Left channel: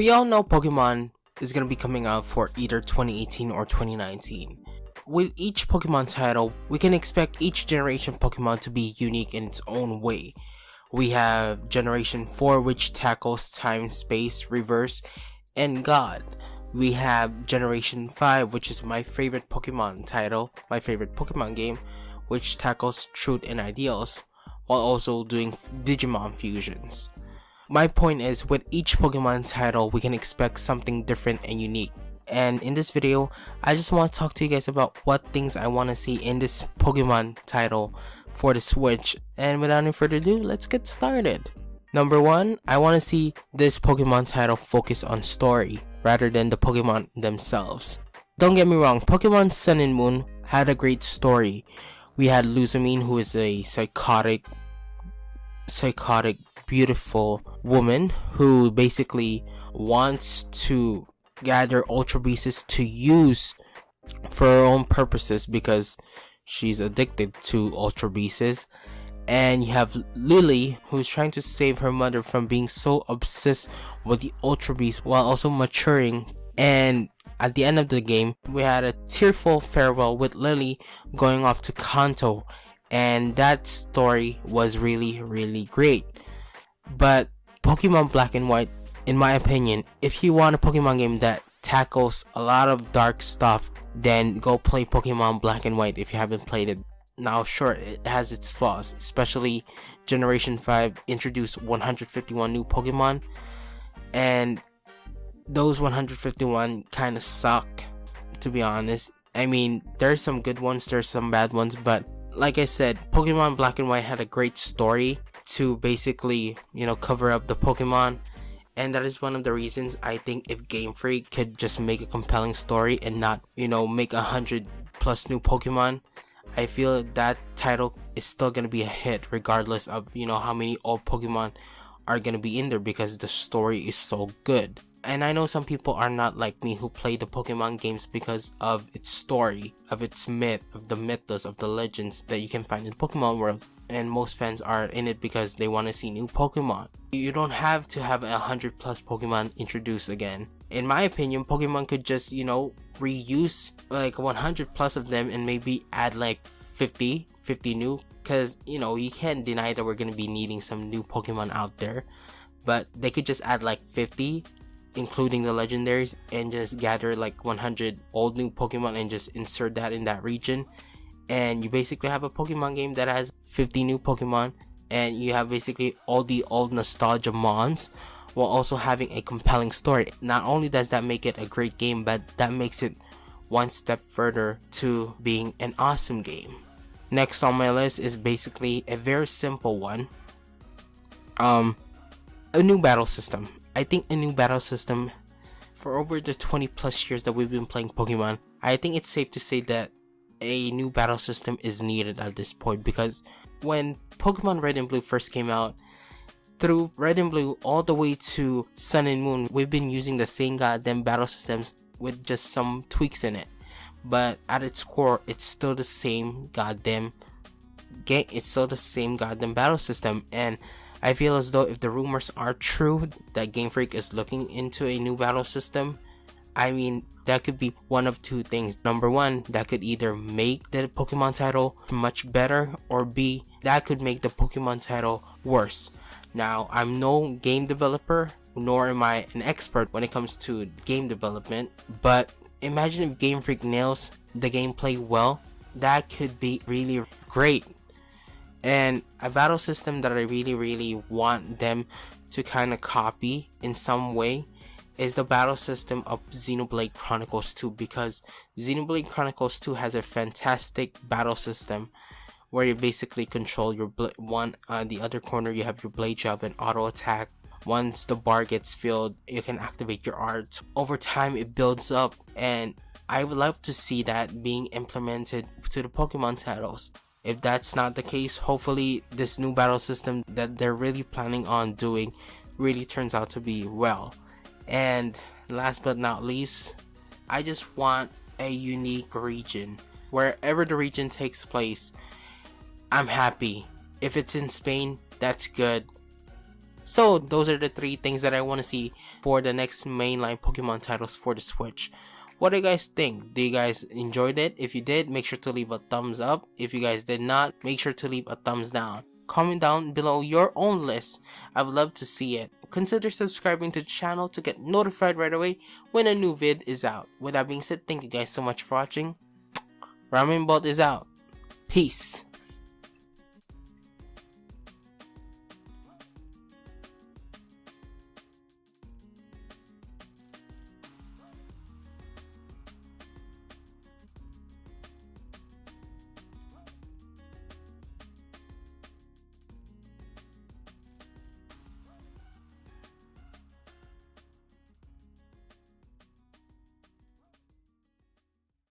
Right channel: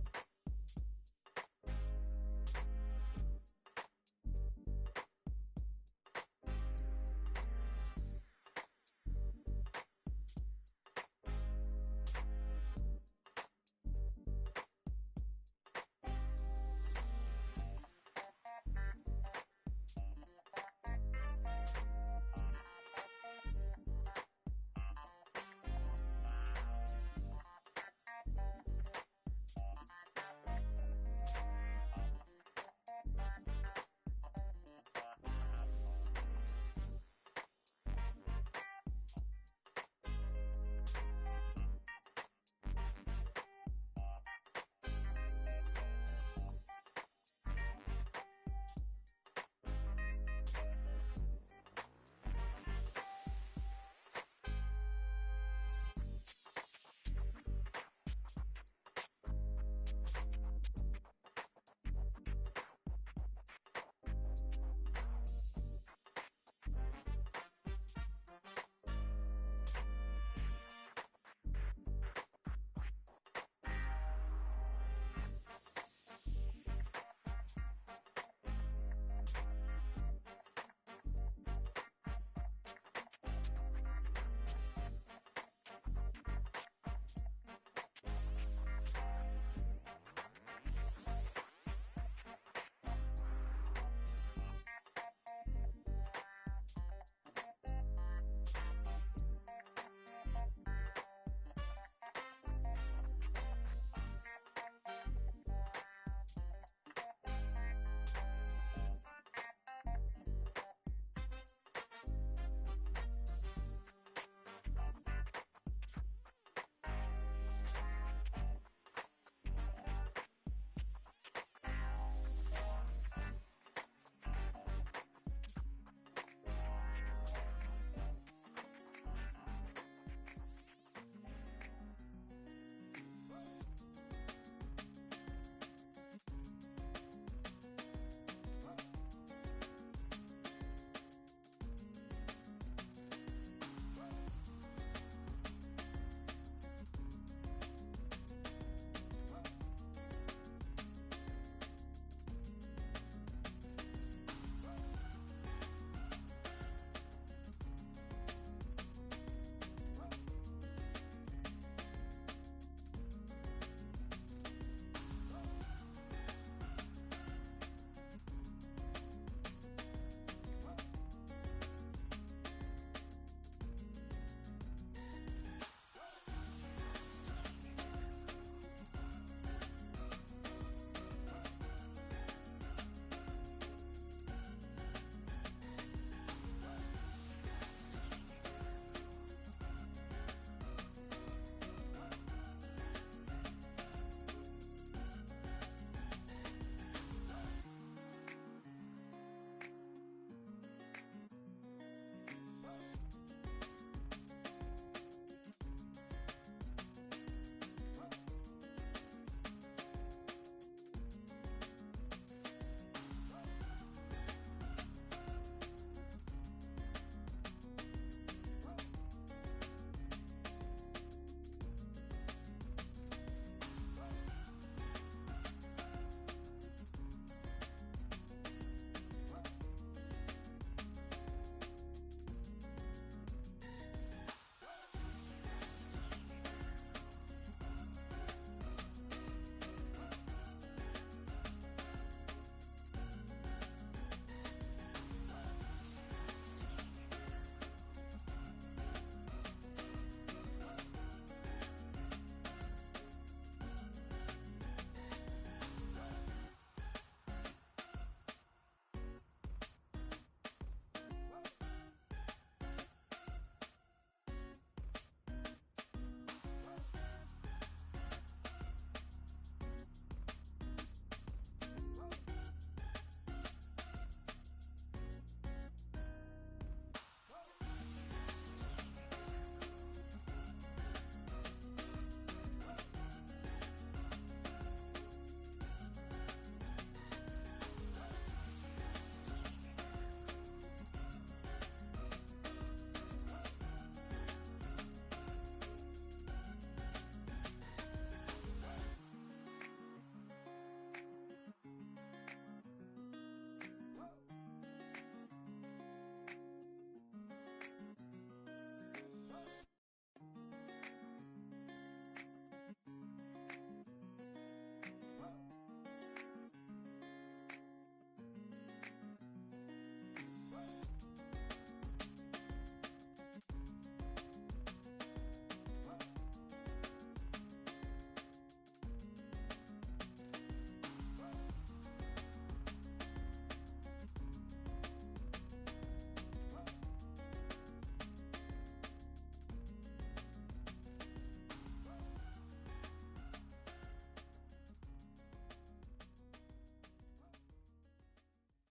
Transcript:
We all know Pokemon is going to be coming out for either 2018 or 2019. With each Pokemon title, we can expect each generation of Pokemon to be unique in its own way. We have Generation 4, which tackles time, space, reverse, and God. We have Generation 5, which is my favorite Pokemon title, my favorite Pokemon game, which tackles truth and ideals, while also doing Digimon fusions. My point is, with each Pokemon title, we can expect something different and unique. And in this video, I just want to talk to you guys about what things I want to see in this Pokemon title for the Switch. And without any further ado, let's get started. Number 1, I want to see this Pokemon title focus on story rather than the Pokemon themselves. Don't get me wrong, Pokemon Sun and Moon had a great story. We had Luzamine, who is a psychotic, beautiful woman who basically wants to gather Ultra Beasts to use for her own purposes because she's addicted to Ultra Beasts. And you have Lily, who's trying to save her mother from being so obsessed with the Ultra Beast while also maturing. And at the end of the game, we had a tearful farewell with Lily going off to Kanto, and that story was really great. But Pokemon Black and White, in my opinion, if you want a Pokemon game that tackles a lot of dark stuff, then go play Pokemon Black and White if you haven't played it. Now sure, it has its flaws, especially Generation 5 introduced 151 new Pokemon, and those 151 kind of suck, to be honest. I mean, there's some good ones, there's some bad ones, but like I said, Pokemon Black and White had a great story to basically, cover up the Pokemon. And that is one of the reasons I think if Game Freak could just make a compelling story and not, make 100 plus new Pokemon, I feel that title is still gonna be a hit regardless of, how many old Pokemon are gonna be in there, because the story is so good. And I know some people are not like me who play the Pokemon games because of its story, of its myth, of the mythos, of the legends that you can find in the Pokemon world. And most fans are in it because they want to see new Pokemon. You don't have to have 100 plus Pokemon introduced again. In my opinion, Pokemon could just, reuse like 100 plus of them and maybe add like 50 new, because you can't deny that we're going to be needing some new Pokemon out there. But they could just add like 50, including the legendaries, and just gather like 100 old new Pokemon and just insert that in that region, and you basically have a Pokemon game that has 50 new Pokemon, and you have basically all the old nostalgia mons while also having a compelling story. Not only does that make it a great game, but that makes it one step further to being an awesome game. Next on my list is basically a very simple one, a new battle system. I think a new battle system, for over the 20 plus years that we've been playing Pokemon, I think it's safe to say that a new battle system is needed at this point, because when Pokemon Red and Blue first came out, through Red and Blue all the way to Sun and Moon, we've been using the same goddamn battle systems with just some tweaks in it. But at its core, it's still the same goddamn game, it's still the same goddamn battle system. And I feel as though if the rumors are true that Game Freak is looking into a new battle system, I mean, that could be one of two things. Number one, that could either make the Pokemon title much better, or B, that could make the Pokemon title worse. Now, I'm no game developer, nor am I an expert when it comes to game development, but imagine if Game Freak nails the gameplay well, that could be really great. And a battle system that I really want them to kind of copy in some way is the battle system of Xenoblade Chronicles 2, because Xenoblade Chronicles 2 has a fantastic battle system where you basically control your the other corner you have your blade job and auto attack. Once the bar gets filled, you can activate your art. Over time it builds up, and I would love to see that being implemented to the Pokemon titles. If that's not the case, hopefully this new battle system that they're really planning on doing really turns out to be well. And last but not least, I just want a unique region. Wherever the region takes place, I'm happy. If it's in Spain, that's good. So those are the 3 things that I want to see for the next mainline Pokemon titles for the Switch. What do you guys think? Do you guys enjoyed it? If you did, make sure to leave a thumbs up. If you guys did not, make sure to leave a thumbs down. Comment down below your own list. I would love to see it. Consider subscribing to the channel to get notified right away when a new vid is out. With that being said, thank you guys so much for watching. Ramenbolt is out. Peace.